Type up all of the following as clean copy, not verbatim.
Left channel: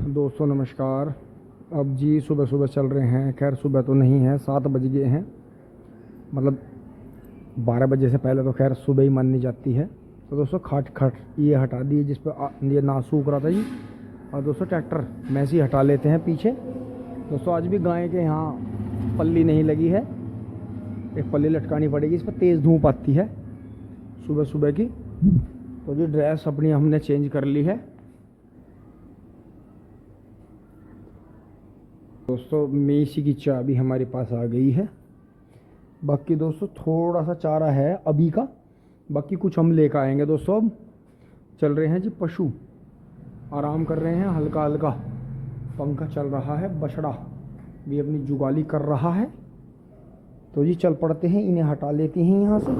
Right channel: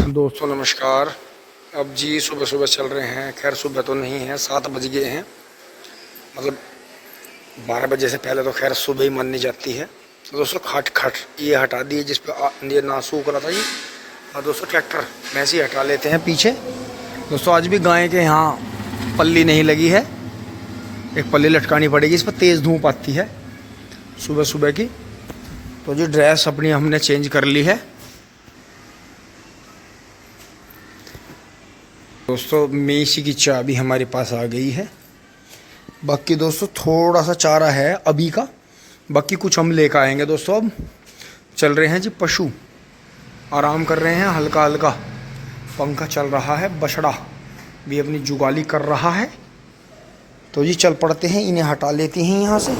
दोस्तों नमस्कार। अब जी सुबह सुबह चल रहे हैं, खैर सुबह तो नहीं है, 7 बज गए हैं। मतलब 12 बजे से पहले तो खैर सुबह ही मानी जाती है। तो दोस्तों खट ये हटा दिए जिस पे ये ना सूख रहा था जी। और दोस्तों ट्रैक्टर में से ही हटा लेते हैं पीछे। दोस्तों आज भी गाय के यहाँ पल्ली नहीं लगी है, एक पल्ली लटकानी पड़ेगी, इस पर तेज़ धूप आती है सुबह सुबह की। तो जी ड्रेस अपनी हमने चेंज कर ली है। दोस्तों मेसी की चाबी हमारे पास आ गई है। बाकी दोस्तों थोड़ा सा चारा है अभी का, बाकी कुछ हम लेकर आएंगे। दोस्तों अब चल रहे हैं जी, पशु आराम कर रहे हैं, हल्का हल्का पंखा चल रहा है, बछड़ा भी अपनी जुगाली कर रहा है। तो जी चल पड़ते हैं, इन्हें हटा लेते हैं यहाँ से।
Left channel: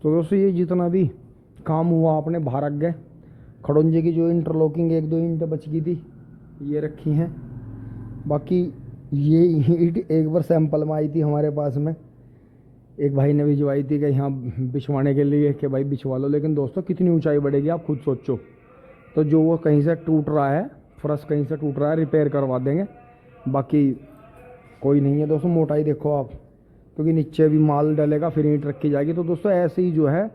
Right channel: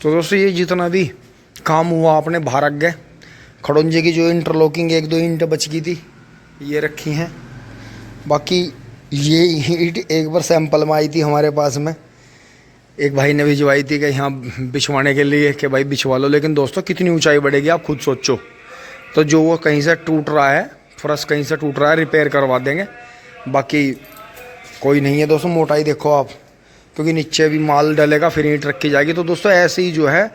तो दोस्तों ये जितना भी काम हुआ अपने भारत गए खड़ोंजे की जो इंटरलॉकिंग 1-2 ईंट बच गई थी ये रखी हैं। बाकी ये ईंट एक बार सैंपल में आई थी हमारे पास में, एक भाई ने भिजवाई थी कि यहाँ बिछवाने के लिए कि भाई बिछवा लो। लेकिन दोस्तों कितनी ऊंचाई बढ़ेगी आप खुद सोचो। तो जो वो कहीं से टूट रहा है, फर्श कहीं से टूट रहा है, रिपेयर करवा देंगे। बाकी कोई नहीं है दोस्तों, मोटाई देखो आप, क्योंकि नीचे भी माल डलेगा फिर ईंट रखी जाएगी। तो दोस्तों ऐसे ही जो है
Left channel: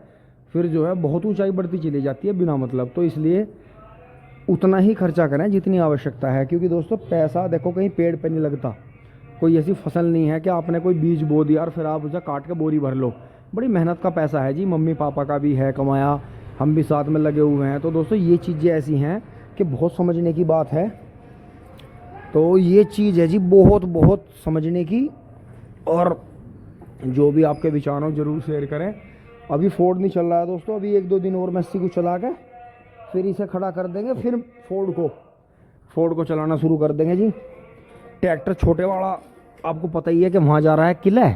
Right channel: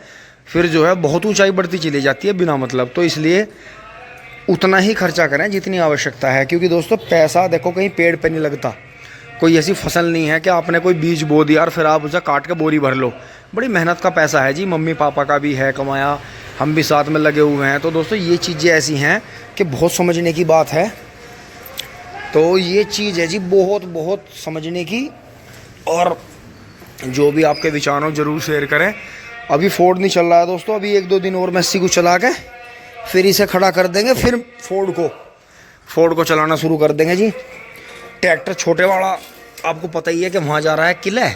फिर जो है बहुत ऊंचाई बढ़ती चली जाती है बिना मतलब। तो इसलिए उतना ही खर्चा करें जितनी आवश्यकता है, क्योंकि दोस्तों पैसा देखो कहीं पेड़ पे नहीं लगता। कोई ऐसी फसल नहीं है कि आपने कोई बीज बो दिया और फिर आप उसे काट के बोरी भर लो। बड़ी मेहनत का पैसा है जी, मम्मी पापा का भी है कमाया, हम भी साथ में लगे हुए हैं। तो दोस्तों ये चीज़ें ऐसी हैं कि बहुत समझने की बात है। तो ये चीज़ है जी बहुत बहुत समझने की। और जो भी आपके विचार हो जरूर शेयर करें। अभी फोर्ड नहीं चल रहा है दोस्तों, अभी 1-2 दिन और मेसी को चला के फिर इसे खड़ा कर देंगे, फिर फोर्ड को चलाना शुरू कर देंगे जी। ट्रैक्टर छोटे वाला आपको पता ही है कि वहाँ जा रहा है किले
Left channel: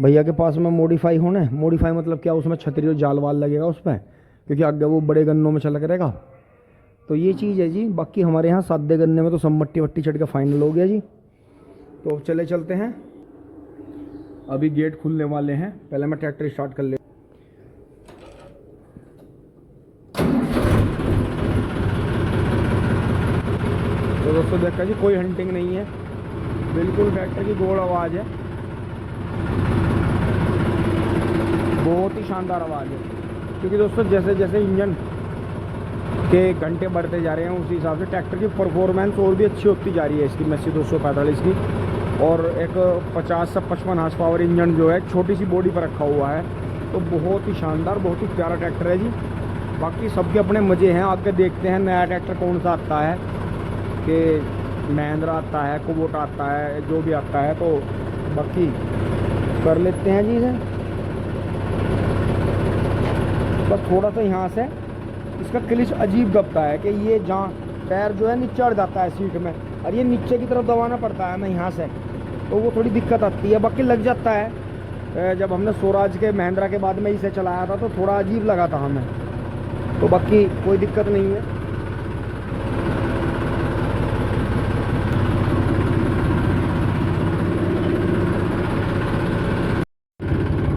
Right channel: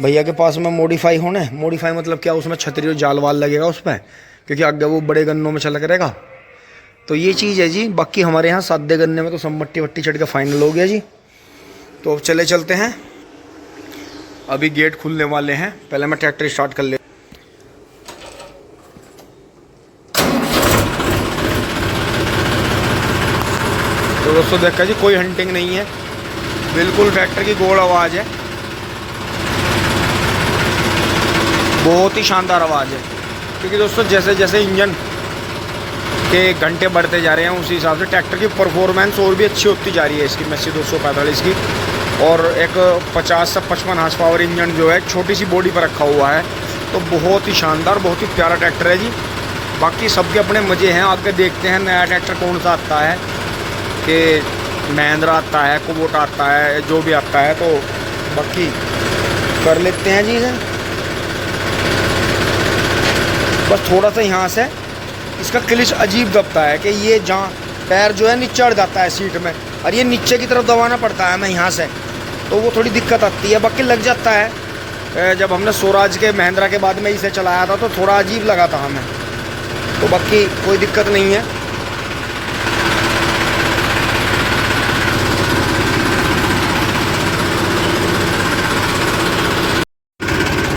भैया के पास में मॉडिफाई मतलब क्या, उसमें छतरी और जाल वाल लगेगा उस पर, क्योंकि आगे वो बड़े गन्नों में चला करेगा। तो ये चीज़ है जी। बाकी हमारे यहाँ सादे गन्ने में तो सब मट्टी वट्टी चढ़ के फाइनल हो गया जी। तो अब चलते हैं, अभी गेट खुलने वाले हैं। पहले मैं ट्रैक्टर स्टार्ट कर ले। तो दोस्तों देखा जी कोई हंटिंग नहीं है, बिल्कुल ट्रैक्टर की गोल आवाज़ है, बहुत ही शानदार आवाज़ है। क्योंकि दोस्तों जैसे जैसे इंजन के घंटे बढ़ते जा रहे हैं उसी हिसाब से ट्रैक्टर की परफॉर्मेंस और भी अच्छी होती जा रही है इसकी मेसी 245 की। और एक 50 से 55 हार्स पावर इंजन जो है छोटी सी बॉडी पर रखा हुआ है। तो बहुत ही शानदार, बहुत ही प्यारा ट्रैक्टर है जी। बाकी सबके अपने मज़े हैं, आगे देखते हैं नया ट्रैक्टर कौन सा आता है, कि महिंद्रा आता है, कुबोटा आता है, जो भी आता है। तो बाकी कर लेते हैं जी इसे। बस थोड़ा सा यहाँ से इसका क्लिच अजीब दबता है कि ये जहाँ पैर जो है नीचे चढ़ जाता है सीट में, और ये नीचे की तरफ दबाना पड़ता है हमें यहाँ से, तो वो थोड़ी दिक्कत आती है। बाकी लग जाता है। जब हमने स्वराज के महिंद्रा के बाद में इसे चलाया था तो थोड़ा अजीब लगा था हमें। तो बाकी कोई दिक्कत नहीं है।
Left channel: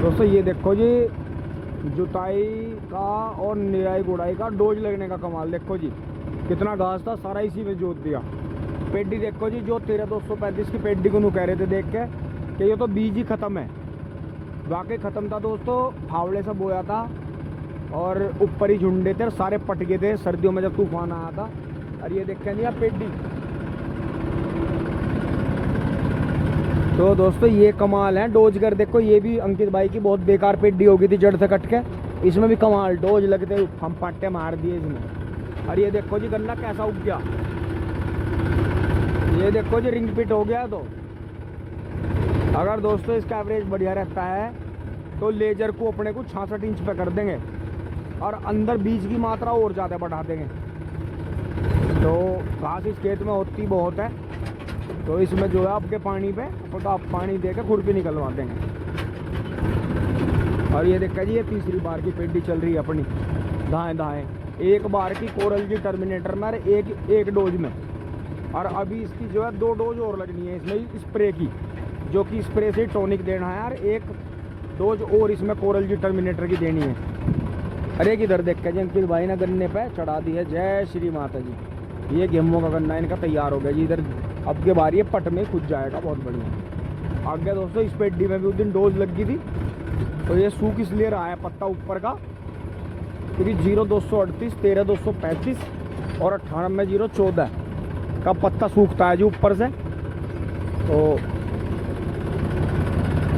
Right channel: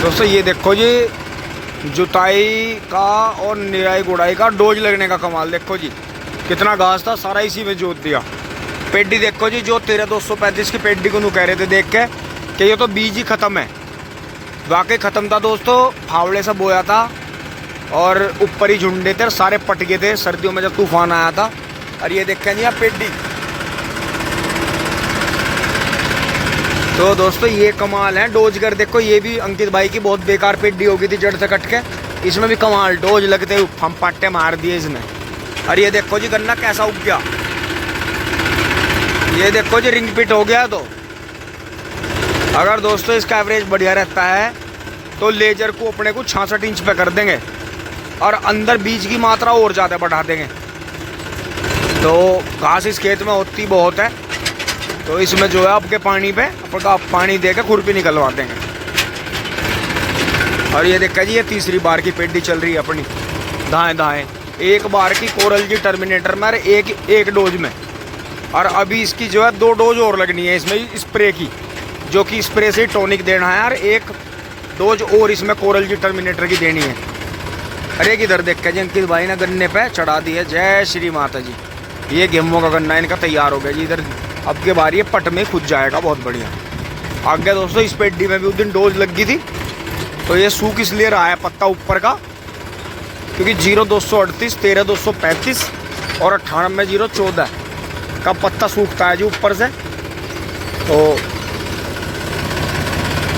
दोस्तों ये देखो जी जुताई का और निराई गुड़ाई का डोज लगने का कमाल देखो जी। कितना घास था सारा इसी में जोत दिया। पेड्डी देखो जी, जो 13-235 की पेड्डी को कह रहे थे देख के कि ये तो बीज ही ख़त्म है। वाकई ख़त्म था दोस्तों, फावड़े से बोया था और ऊपर ही झुंडे थे, सारे पट गए थे सर्दियों में जब तूफान आया था। और ये देखें जी आप पेड्डी। तो दोस्तों ये कमाल है। डोजगर देखो, ये भी अंकित भाई की बहुत बेकार पेड्डी हो गई थी जड़ से कट के, इसमें भी कमाल डोज लगते हुए हम पट्टे मार दिए इसने। और ये देखो जी गन्ना कैसा उग गया, ये देखो जी रिंग पिट हो गया। तो अगर दोस्तों इसका एवरेज बढ़िया रहता है तो लेजर को अपने को 66 इंच पे कर देंगे और अंदर बीज की मात्रा और ज़्यादा बढ़ा देंगे। तो घास इस खेत में होती बहुत है, तो इसमें जो है आपके पानी पे आपका पानी दे के खुरपी निकलवा देंगे। और ये देखा जी ये तीसरी बार की पेड्डी चल रही है अपनी दाएं एक बार की कोरल जी टर्मिनेटर में एक डोज में। और अभी इसकी जो है 2 डोज और लगनी है इसमें स्प्रे की। जो कि स्प्रे से टॉनिक देना है यार, एक डोज और इसमें कोरल जी टर्मिनेटर की देनी है। अरे किधर देख के जी अंकित भाई ने गन्ने पे चढ़ा दी है। जय श्री माता जी। ये गेहूं का गन्ना इनका तैयार हो गया जी। इधर अब के बार ये पट में खुद जाएगा, बहुत बढ़िया। आगे दोस्तों इस पेड्डी में भी उस दिन डोज लग गई थी, तो ये सूख इसलिए रहा है पत्ता ऊपर का, क्योंकि 0238, 13235 और 98 का पत्ता सूखता है जी ऊपर से, तो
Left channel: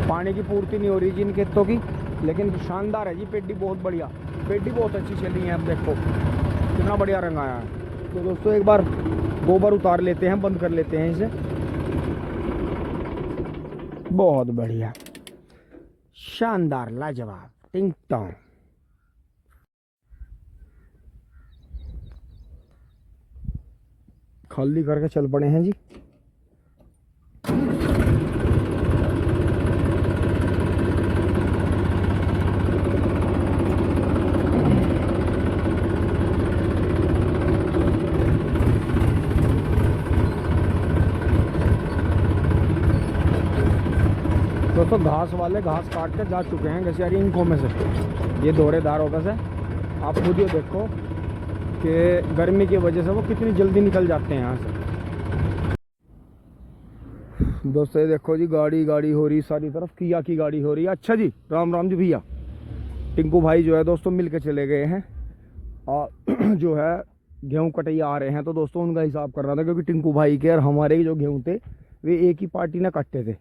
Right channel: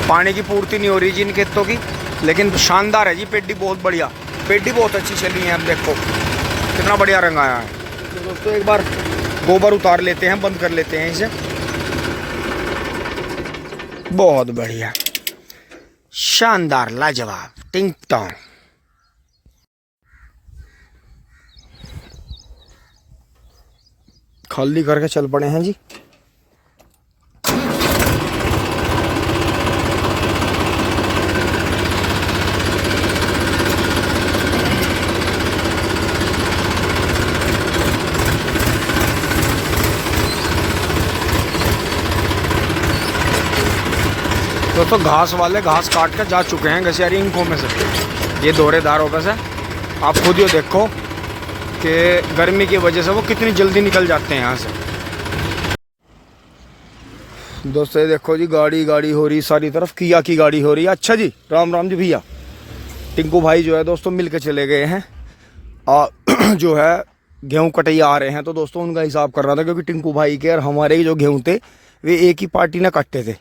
पानी की पूर्ति नहीं हो रही जी इन खेतों की। लेकिन शानदार है जी पेड्डी, बहुत बढ़िया पेड्डी, बहुत अच्छी चली है। अब देखो कितना बढ़िया रंग आया है। तो दोस्तों एक बार गोबर उतार लेते हैं, बंद कर लेते हैं इसे। बहुत बढ़िया, शानदार, लाजवाब, टिंग टोंग। खाली करके चल पड़े हैं जी। दोस्तों घास वाले घास काट कर जा चुके हैं घसियारी इंकों में से, ये दोहरेदारों पे से। आप खुद ही देखो कि गर्मी की वजह से वो कितनी जल्दी निकल जाते हैं यहाँ से। दोस्तों ये देखो जी, गाड़ी गाड़ी हो रही सारी तरफ, किया की गाड़ी हो रही है। अच्छा जी, राम राम जी भैया। टिंकू भाई जो है दोस्तों मिल के चले गए हैं, जो है गेहूँ कटैया आ रहे हैं, तो दोस्तों उनका हिसाब कर रहा था, क्योंकि टिंकू भाई के और हमारे जो गेहूँ थे वे एक ही पार्टी ने कटते थे।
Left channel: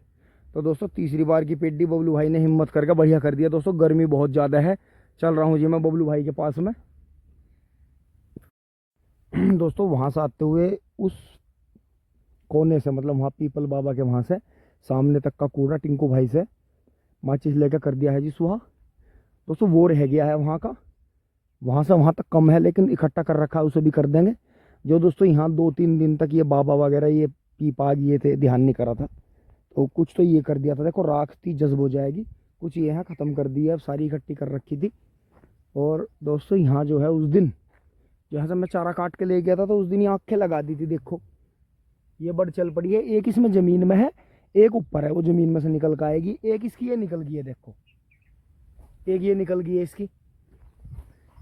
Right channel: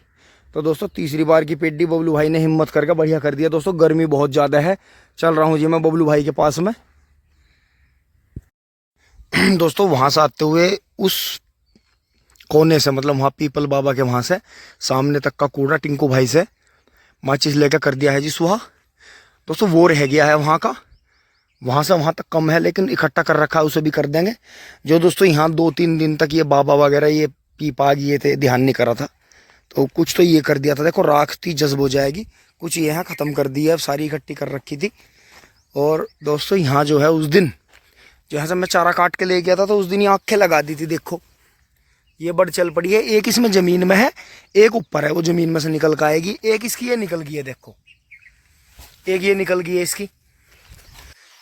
तो दोस्तों तीसरी बार की पेड्डी बबलू भाई ने हिम्मत करके बढ़िया कर दिया। दोस्तों गर्मी बहुत ज़्यादा है, चल रहा हूँ जी मैं बबलू भाई के पास में। दोस्तों वहाँ से आते हुए उस कोने से, मतलब वहाँ पीपल बाबा के वहाँ से सामने तक का कूड़ा टिंकू भाई से माचिस लेकर कर दिया है जी सुहा। दोस्तों वो रह गया है वहाँ का, वहाँ से वहाँ तक कम है, लेकिन इकट्ठा कर रखा है, उसे भी कर देंगे। जो दोस्तों यहाँ 2-3 दिन तक ये बाबा वगैरह ये पीपा ये थे, ध्यान नहीं करा था, तो कुछ तो ये कर दिया था। देखो राख थी, जज्ब हो जाएगी, कुछ ये यहाँ ख़त्म कर दिया, सारी इकट्ठी कर रखी थी। और दोस्तों यहाँ जो है उस दिन जहाँ से मैं चारा काट के ले गया था, तो उस दिन ये आँखें लगा दी थी। देखो ये बड़ चल पड़ी है, एक इसमें ज़मीन में है, एक ऊपर है, वो ज़मीन में से निकल कर आएगी। एक इसकी ये निकल गई है, देखो एक ये निकल गई है इसकी,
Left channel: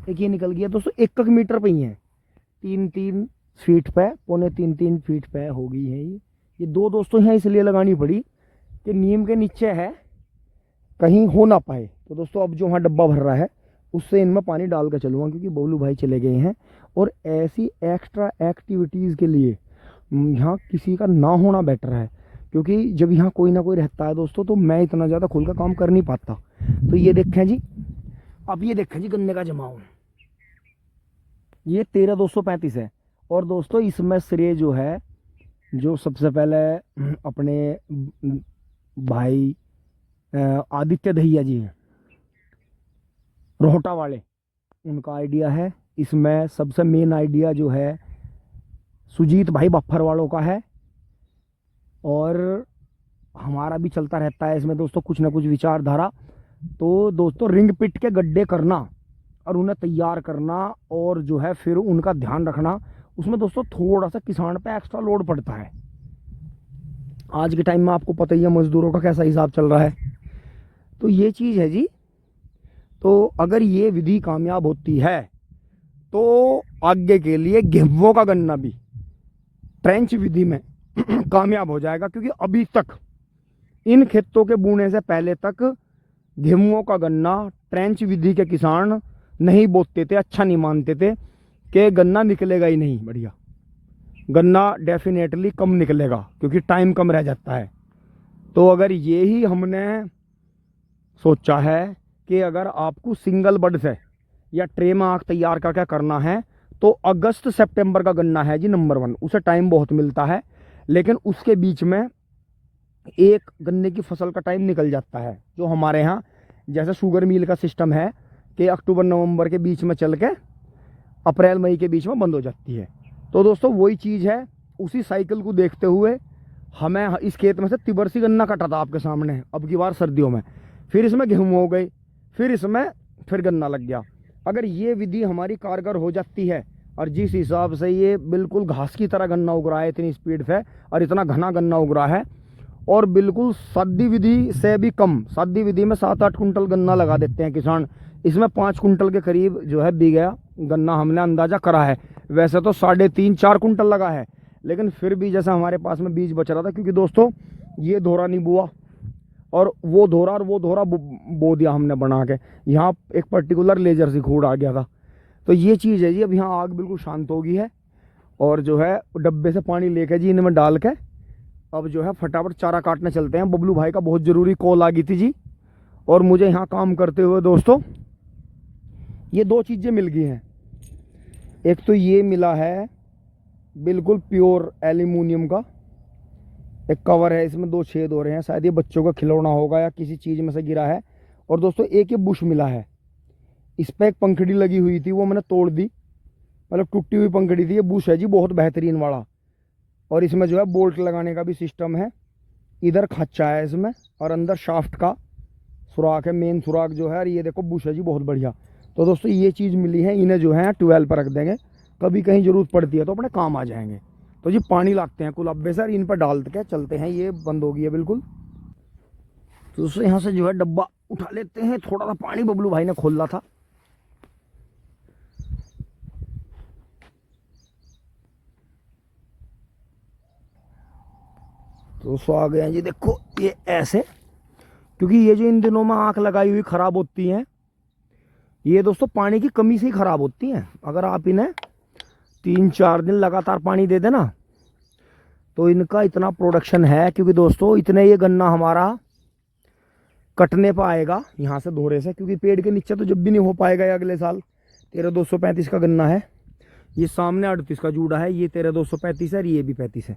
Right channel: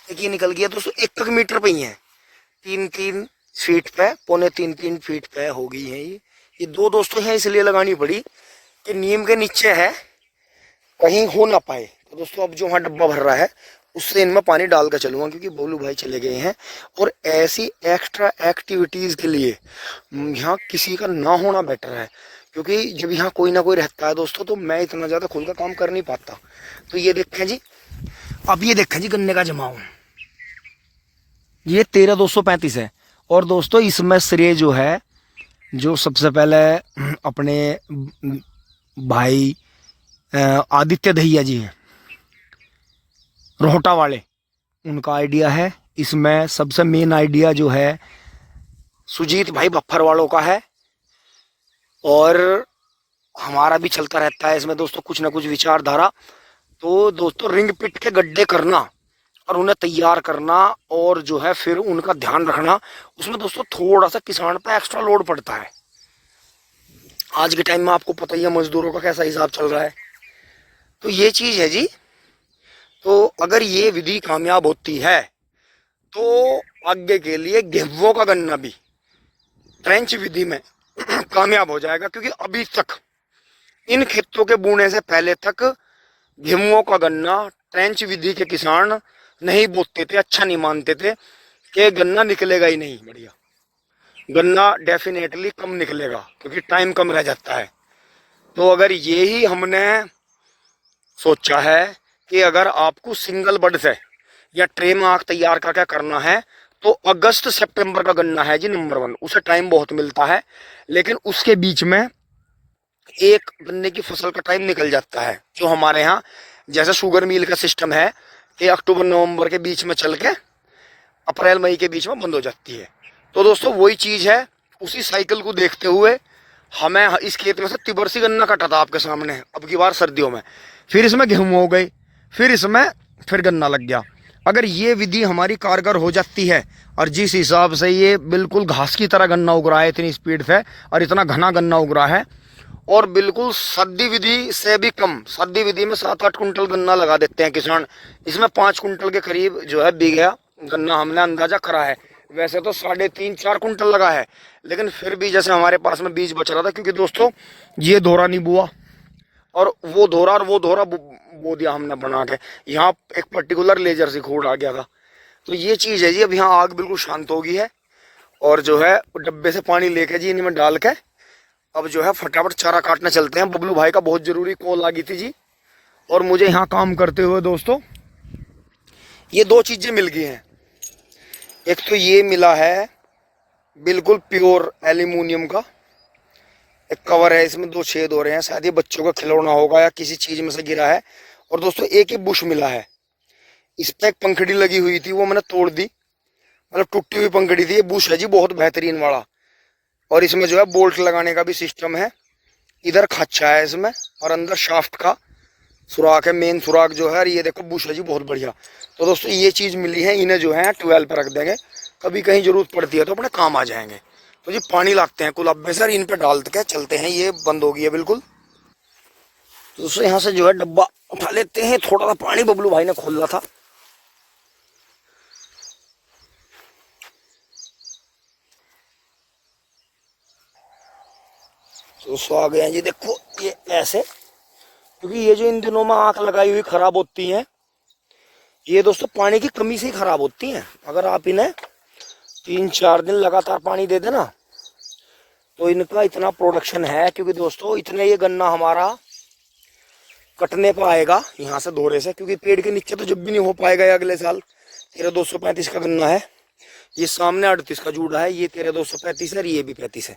एक ये निकल गया। दोस्तों 1 मीटर पे ही है, 3-3 फीट पे, 2.25-3 फीट पे हो गई है ये दो दोस्तों हैं, इसलिए लगानी पड़ी कि नीम के नीचे है, कहीं हो ना पाए। तो दोस्तों अब जो वहाँ डब्बा भर रहा है उससे इनमें पानी डाल कर चलूँगा, क्योंकि बोलू भाई चले गए हैं। और ऐसी एक्स्ट्रा एक्टिविटीज़ के लिए यहाँ किसी का ना होना बेटर है, क्योंकि जब यहाँ कोई ना कोई रहता है दोस्तों, तो मैं इतना ज़्यादा खुल का काम कर नहीं पाता। तो ये देखें जी, अब ये देखें जी गन्ने का जमाव, ये 13,235 है। और दोस्तों इसमें श्रेय जो है, जो सबसे पहले अपने भाई आदित्य दहिया जी हैं रोहटा वाले, उनका आइडिया है। इसमें सबसे मेन आइडिया जो है सुजीत भाई बफ्फर वालों का है, और हमारा भी चलता रहता है इसमें दोस्तों कुछ ना कुछ विचारधारा। तो दोस्तों रिंग पिट के गड्ढे करना और उन्हें तैयार करना, और जो है फिर उनका ध्यान रखना, उसमें दोस्तों थोड़ा सा किसान पे एक्स्ट्रा लोड पड़ता है। आज के टाइम में आपको पता ही है मजदूरों का कैसा हिसाब चल रहा है। तो ये चीज़ है जी। तो अगर ये विधि कामयाब होती है तो आगे के लिए गेहूं का गन्ना भी ट्रेंच विधि में कामयाब हो जाएगा, क्योंकि अभी तक इन खेतों के बोने से पहले तक गेहूं का गन्ना ट्रेंच विधि के किसान नहीं बोते थे, अच्छा नहीं मानते थे कि गन्ना निकलेगा ही नहीं। बढ़िया गन्ना डेफिनेटली कम निकलेगा, क्योंकि टाइम कम रह जाता है। तो अगर ये ही हमने सोचा है कि अगर आपको सिंगल बड से या ट्रे में आग तैयार करके करना है, तो अगस्त सितंबर का गन्ना है जी नंबर 1, उसे टाइम बहुत मिलता है। लेकिन उसके बीच में एक गन्ने की फसल का टाइम निकल जाता है, जो हमारे यहाँ जैसे शुगर मिल का सिस्टम है कि अक्टूबर नवंबर के बीच में चल के अप्रैल मई के बीच में बंद हो जाती है। तो दोस्तों वही चीज़ है, उसी साइकिल को देखते हुए हमें इस खेत में से तिबरसी गन्ना कटा था आपके सामने अब की बार सर्दियों में, फिर इसमें गेहूँ हो गई, फिर इसमें फिर गन्ना लग गया। अगर ये विधि हमारी कारगर हो जाती है, और जिस हिसाब से ये बिल्कुल घास की तरह गन्ना उग रहा है इतनी स्पीड से, और इतना घना गन्ना उग रहा है, और बिल्कुल सादी विधि से भी कम, सादी विधि में 7-8 कुंटल गन्ना लगा देते हैं किसान। इसमें 5 कुंटल के करीब जो है बीघा गन्ना हमने अंदाजा करा है। वैसे तो 3.5-4 कुंटल लगा है, लेकिन फिर भी जैसे हमारे पास में बीज बच रहा था, क्योंकि दोस्तों ये धोरा नहीं बुआ और वो धोरा बो दिया हमने बना के। यहाँ एक पर्टिकुलर लेजर से खूड आ गया था। तो ये चीज़ है जी। अब यहाँ आग बिल्कुल शांत हो गई है और जो है डब्बे से पानी लेके जी इनमें डाल के अब जो है फटाफट चारा काटने चलते हैं। बबलू भाई का बहुत ज़रूरी कॉल आ गई थी जी, और मुझे यहाँ काम करते हुए दोस्तों ये 2 चीज़ें मिल गई हैं। एक तो ये मिला है बिल्कुल प्योर एल्यूमिनियम का एक कवर है, इसमें 2 छेद हो रहे हैं, शायद ये बच्चों का खिलौना होगा या किसी चीज़ में से गिरा है। और दोस्तों एक ये बुश मिला है, इस पर एक पंखड़ी लगी हुई थी, वो मैंने तोड़ दी, मतलब टूटी हुई पंखड़ी थी। ये बुश है जी बहुत बेहतरीन वाला, और इसमें जो है बोल्ट लगाने का भी सिस्टम है। इधर खच्चा है इसमें और अंदर शाफ्ट का सुराख है, मेन सुराख जो है। और ये देखो बुश है जी बहुत बढ़िया। तो दोस्तों ये चीज़ मिली है, इन्हें जो है 12 पर रख देंगे, कभी कहीं ज़रूरत पड़ती है तो अपने काम आ जाएंगे। तो जी पानी लाते हैं कुलाब्बे से और इन पर डाल के चलते हैं। ये बंद हो गई है बिल्कुल। तो दोस्तों यहाँ से जो है डब्बा उठा लेते हैं, थोड़ा सा पानी बबलू भाई ने खोला था। तो दोस्तों आ गए हैं जी। देखो ये ऐसे, क्योंकि ये जो इन दिनों में आँख लगाई हुई ख़राब होती हैं, ये दोस्तों पानी की कमी से ही ख़राब होती हैं। अगर आप इन्हें 3-4 दिन लगातार पानी दे देना तो इनका इतना प्रोडक्शन है। क्योंकि दोस्तों इतने ये गन्ना हमारा कटने पर आएगा यहाँ से धोरे से, क्योंकि पेड़ के नीचे तो जब भी नहीं हो पाएगा। ये अगले साल 13,235 का गन्ना है, ये सामने 38 का जूड़ा है, ये 13,235 है और ये भी 35 है।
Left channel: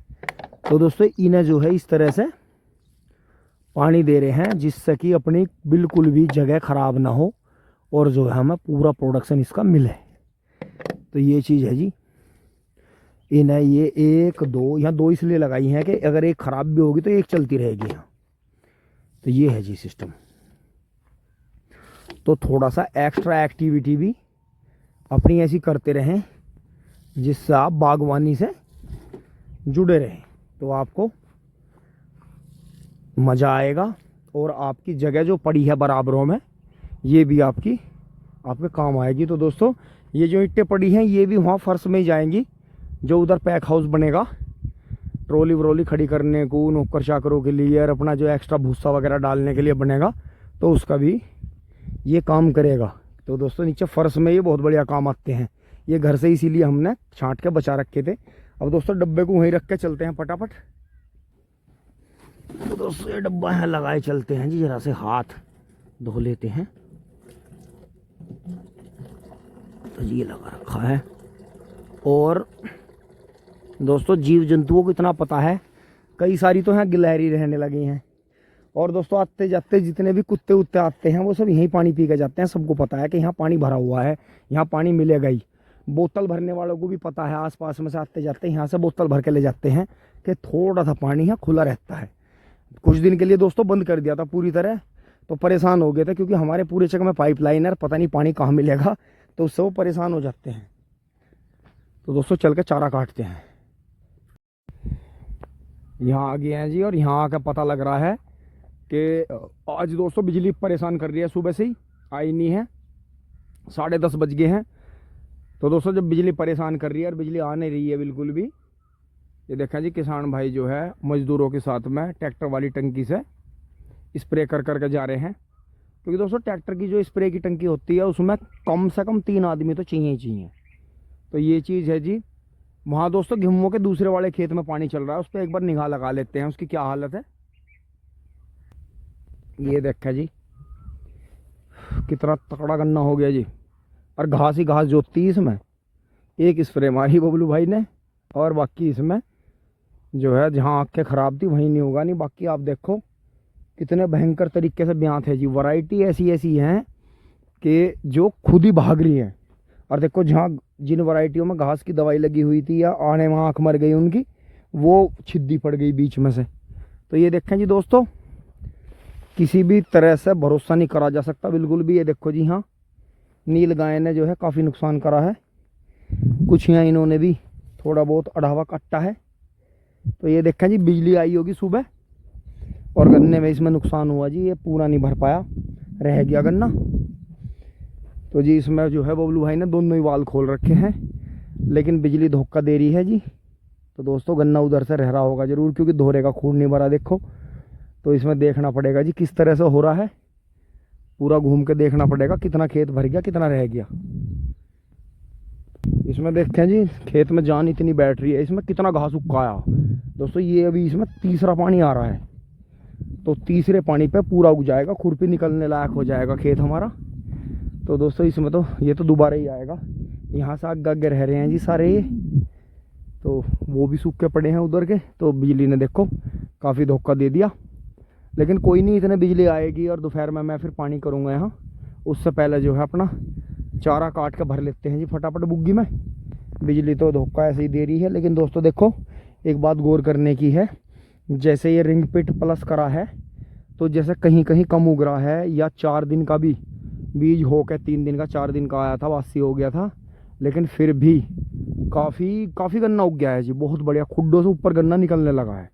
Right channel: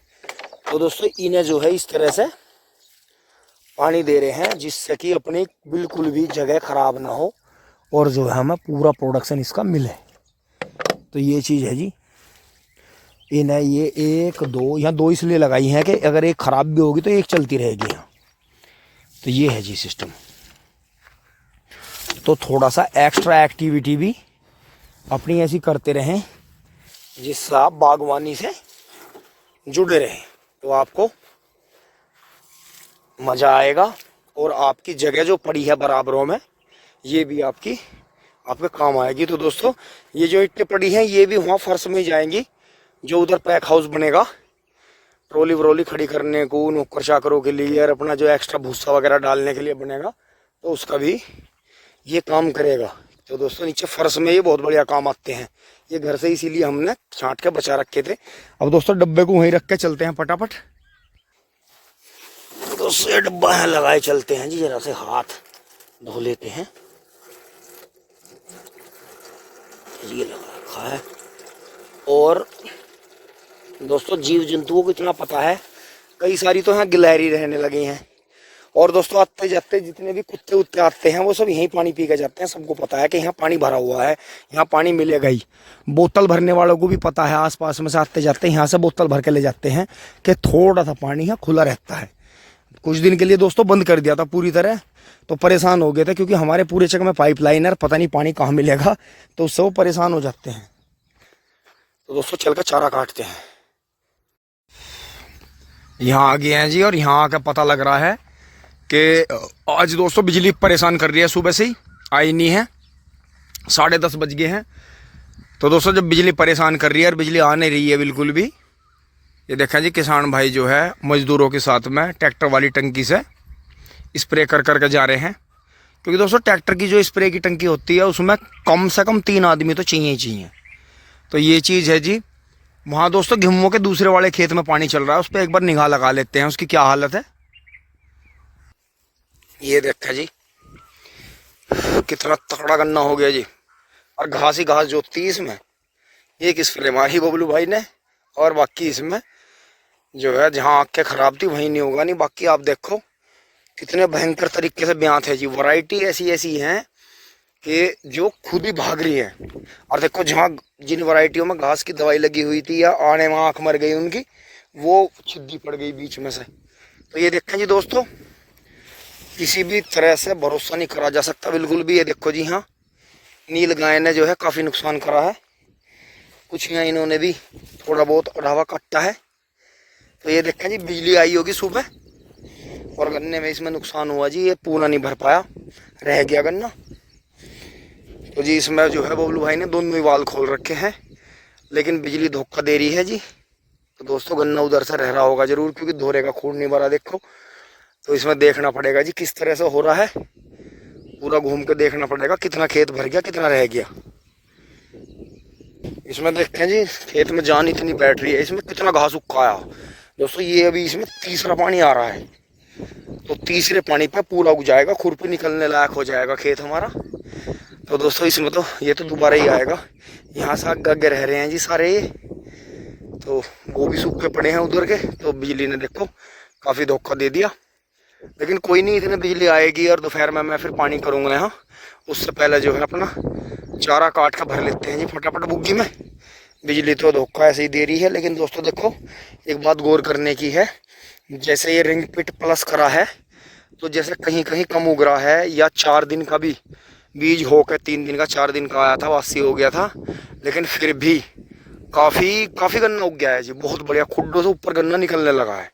तो दोस्तों इन्हें जो है इस तरह से पानी दे रहे हैं जिससे कि अपनी बिल्कुल भी जगह ख़राब ना हो और जो है हमें पूरा प्रोडक्शन इसका मिले। तो ये चीज़ है जी। इन्हें ये 1 2 यहाँ 2 इसलिए लगाई हैं कि अगर एक ख़राब भी होगी तो एक चलती रहेगी यहाँ। तो ये है जी सिस्टम। तो थोड़ा सा एक्स्ट्रा एक्टिविटी भी अपनी ऐसी करते रहें जिससे आप बागवानी से जुड़े रहें, तो आपको मज़ा आएगा और आपकी जगह जो पड़ी है बराबरों में ये भी आपके काम आएगी। तो दोस्तों ये जो ईंटें पड़ी हैं ये भी वहाँ फर्श में ही जाएंगी, जो उधर पैक हाउस बनेगा ट्रॉली व्रॉली खड़ी करने को नौकर चाकरों के लिए, और अपना जो एक्स्ट्रा भूसा वगैरह डालने के लिए बनेगा, तो उसका भी ये काम करेगा। तो दोस्तों नीचे फर्श में ये बहुत बढ़िया काम आते हैं। ये घर से इसीलिए हमने छांट के बचा रखे थे। अब दोस्तों डब्बे को वहीं रख के चलते हैं फटाफट। तो दोस्तों ये डब्बा है लगाए चलते हैं जी, जरा से हाथ धो लेते हैं। ये लगा रखा है। और दोस्तों जीव जंतुओं को इतना पता है, कई सारी तो यहाँ गिलहरी रहने लगे हैं। और दोस्तों आते जाते जितने भी कुत्ते उत्ते आते हैं वो सब यहीं पानी पी के जाते हैं। सबको पता है कि यहाँ पानी भरा हुआ है, यहाँ पानी मिलेगा ही। बोतल भरने वालों को भी पता है, आसपास में से आते जाते यहाँ से बोतल भर के ले जाते हैं कि थोड़ा सा पानी यहाँ खुला रहता है। कुछ दिन के लिए दोस्तों बंद कर दिया था पूरी तरह, तो परेशान हो गए थे, क्योंकि हमारे पूरे जगह में पाइपलाइन है, पता नहीं पानी कहाँ मिलेगा, तो उससे वो परेशान हो जाते हैं। तो दोस्तों चल कर चारा काटते हैं। यहाँ आ गए हैं जी, और यहाँ आकर पता लग रहा है कि आज दोस्तों बिजली परेशान कर रही है, सुबह से ही आई नहीं है, 10:30 बज गए हैं। तो दोस्तों जब बिजली परेशान कर रही है और बिजली आ नहीं रही है बिल्कुल भी, ये देखें जी किसान भाई जो है मजदूरों के साथ में ट्रैक्टर वाली टंकी से स्प्रे कर कर के जा रहे हैं। क्योंकि दोस्तों ट्रैक्टर की जो स्प्रे की टंकी होती है उसमें कम से कम 3 आदमी तो चाहिए ही चाहिए। तो ये चीज़ है जी। वहाँ दोस्तों गेहूं के दूसरे वाले खेत में पानी चल रहा है, उस पर एक बार निगाह लगा लेते हैं उसकी क्या हालत है। ये देखा जी कितना तगड़ा गन्ना हो गया जी, और घास ही घास जोतती इसमें। एक स्प्रे मारी बबलू भाई ने, और बाकी इसमें जो है जहाँ आँखें ख़राब थी वहीं नहीं होगा नहीं। बाकी आप देखो कितने भयंकर तरीके से ब्यात है जी। वैरायटी ऐसी ऐसी हैं कि जो खुद ही भाग रही है। और देखो जहाँ जिन वैरायटियों में घास की दवाई लगी हुई थी या आने में आँख मर गई उनकी, वो छिद्दी पड़ गई बीच में से। तो ये देखें जी दोस्तों, किसी भी तरह से भरोसा नहीं करा जा सकता बिल्कुल भी। ये देखो जी, हाँ नील गाय ने जो है काफ़ी नुकसान करा है, कुछ यहाँ इन्होंने भी थोड़ा बहुत अढ़ावा काटा है। तो ये देखें जी बिजली आई होगी सुबह, और गन्ने में इसमें नुकसान हुआ जी, ये पूरा नहीं भर पाया, रह गया गन्ना। तो जी इसमें जो है बबलू भाई ने दोनों ही वाल खोल रखे हैं, लेकिन बिजली धोखा दे रही है जी। तो दोस्तों गन्ना उधर से रह रहा होगा ज़रूर, क्योंकि धोरे का खून नहीं भरा देखो। तो इसमें देखना पड़ेगा जी किस तरह से हो रहा है, पूरा घूम के देखना पड़ेगा कितना खेत भर गया कितना रह गया। इसमें देखते हैं जी खेत में जान इतनी बैठ रही है, इसमें कितना घास उगाया दोस्तों। ये अभी इसमें तीसरा पानी आ रहा है, तो तीसरे पानी पे पूरा उग जाएगा, खुरपी निकलने लायक हो जाएगा खेत हमारा। तो दोस्तों इसमें तो ये तो दोबारा ही आएगा। यहाँ से आगे आगे रह रहे हैं जी सारे ये, तो वो भी सूखे पड़े हैं उधर के। तो बिजली ने देखो काफ़ी धोखा दे दिया, लेकिन कोई नहीं, इतने बिजली आएगी और दोपहर में मैं फिर पानी करूँगा यहाँ। उससे पहले जो है अपना चारा काट कर भर लेते हैं जी फटाफट बुग्गी में। बिजली तो धोखा ऐसे ही दे रही है, लेकिन दोस्तों देखो एक बात गौर करने की है, जैसे ये रिंग पिट प्लस करा है, तो जैसे कहीं कहीं कम उग रहा है, या 4 दिन का भी बीज हो के 3 दिन का 4 दिन का आया था, वासी हो गया था, लेकिन फिर भी काफ़ी गन्ना उग गया है जी, बहुत बढ़िया, खुड्डों से ऊपर गन्ना निकलने लगा है,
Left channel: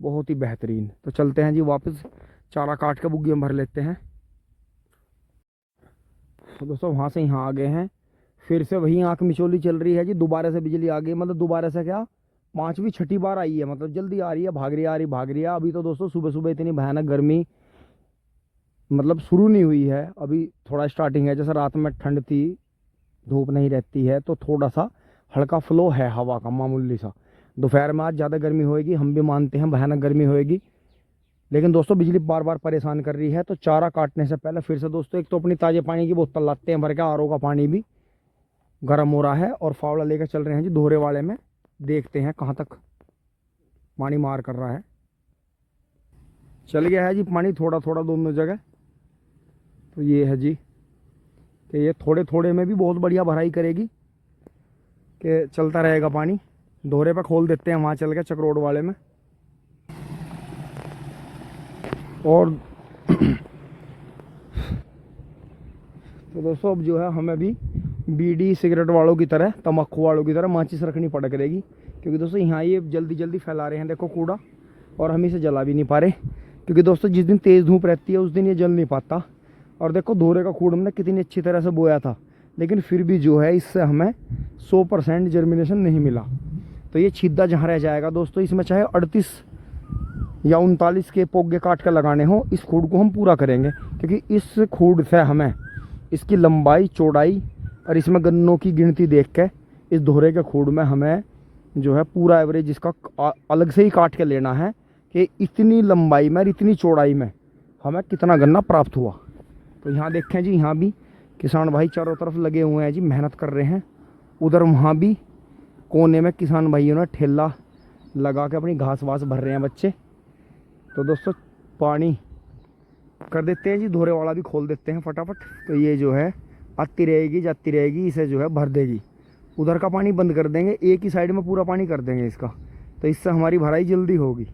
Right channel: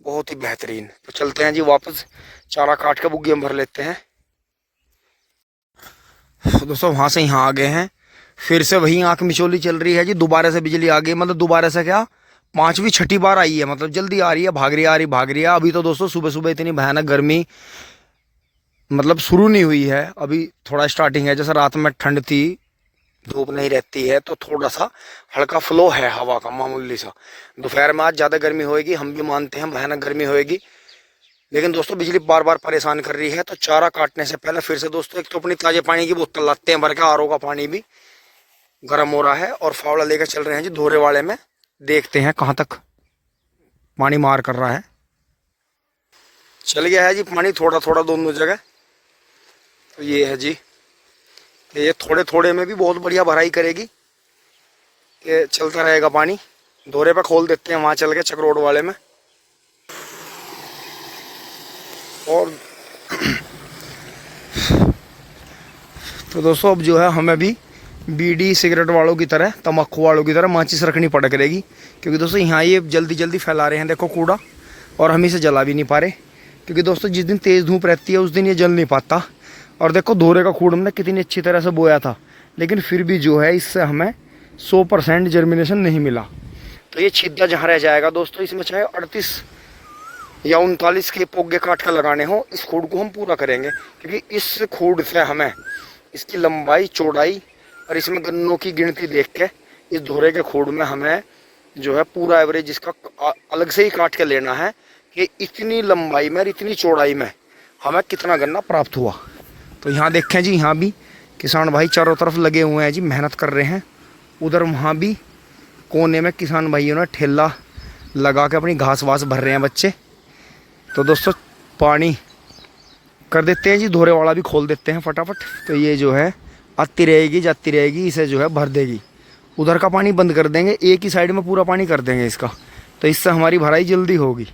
बहुत ही बेहतरीन। तो चलते हैं जी वापस चारा काट के बुग्गी में भर लेते हैं। दोस्तों वहाँ से यहाँ आ गए हैं, फिर से वही आँख मिचोली चल रही है जी, दोबारा से बिजली आ गई, मतलब दोबारा से क्या 5वीं 6ठी बार आई है, मतलब जल्दी आ रही है, भाग रही आ रही भाग रही है। अभी तो दोस्तों सुबह सुबह इतनी भयानक गर्मी मतलब शुरू नहीं हुई है, अभी थोड़ा स्टार्टिंग है। जैसे रात में ठंड थी, धूप नहीं रहती है, तो थोड़ा सा हल्का फ्लो है हवा का मामूली सा। दोपहर में आज ज़्यादा गर्मी होएगी, हम भी मानते हैं भयानक गर्मी होएगी, लेकिन दोस्तों बिजली बार बार परेशान कर रही है। तो चारा काटने से पहले फिर से दोस्तों एक तो अपनी ताज़े पानी की बोतल लाते हैं भर के, आरओ का पानी भी गर्म हो रहा है, और फावड़ा लेकर चल रहे हैं जी धोरे वाले में, देखते हैं कहाँ तक पानी मार कर रहा है। चल गया है जी पानी थोड़ा थोड़ा दोनों जगह। तो ये है जी कि ये थोड़े थोड़े में भी बहुत बढ़िया भराई करेगी, कि चलता रहेगा पानी। धोरे पे खोल देते हैं वहाँ चल के चक्रोड वाले में। और तो दोस्तों अब जो है हमें भी बीड़ी सिगरेट वालों की तरह, तम्बाकू वालों की तरह माचिस रखनी पड़ करेगी, क्योंकि दोस्तों यहाँ ये जल्दी जल्दी फैला रहे हैं देखो कूड़ा, और हम इसे जला भी नहीं पा रहे, क्योंकि दोस्तों जिस दिन तेज़ धूप रहती है उस दिन ये जल नहीं पाता। और देखो धोरे का कूड़ हमने कितनी अच्छी तरह से बोया था, लेकिन फिर भी जो है इससे हमें 100% जर्मिनेशन नहीं मिला। तो ये छिद्दा जहाँ रह जाएगा दोस्तों, इसमें चाहे 38 या 39 के पोगे काट कर लगाने हो, इस खूड़ को हम पूरा करेंगे, क्योंकि इस खूड़ से हमें इसकी लंबाई चौड़ाई और इसमें गन्नों की गिनती देख के इस धोरे के खूड़ में हमें जो है पूरा एवरेज इसका अलग से ही काट के लेना है, कि इतनी लंबाई में और इतनी चौड़ाई में हमें कितना गन्ना प्राप्त हुआ। तो यहाँ देखें जी, यहाँ भी किसान भाई चारों तरफ लगे हुए हैं जी, मेहनत कर रहे हैं। उधर वहाँ भी कोने में किसान भाइयों ने ठेला लगा के अपनी घास वास भर रहे हैं बच्चे। तो दोस्तों पानी कर देते हैं जी, धोरे वाला भी खोल देते हैं फटाफट। तो ये जो है आती रहेगी जाती रहेगी, इसे जो है भर देगी। उधर का पानी बंद कर देंगे, एक ही साइड में पूरा पानी कर देंगे इसका, तो इससे हमारी भराई जल्दी होगी।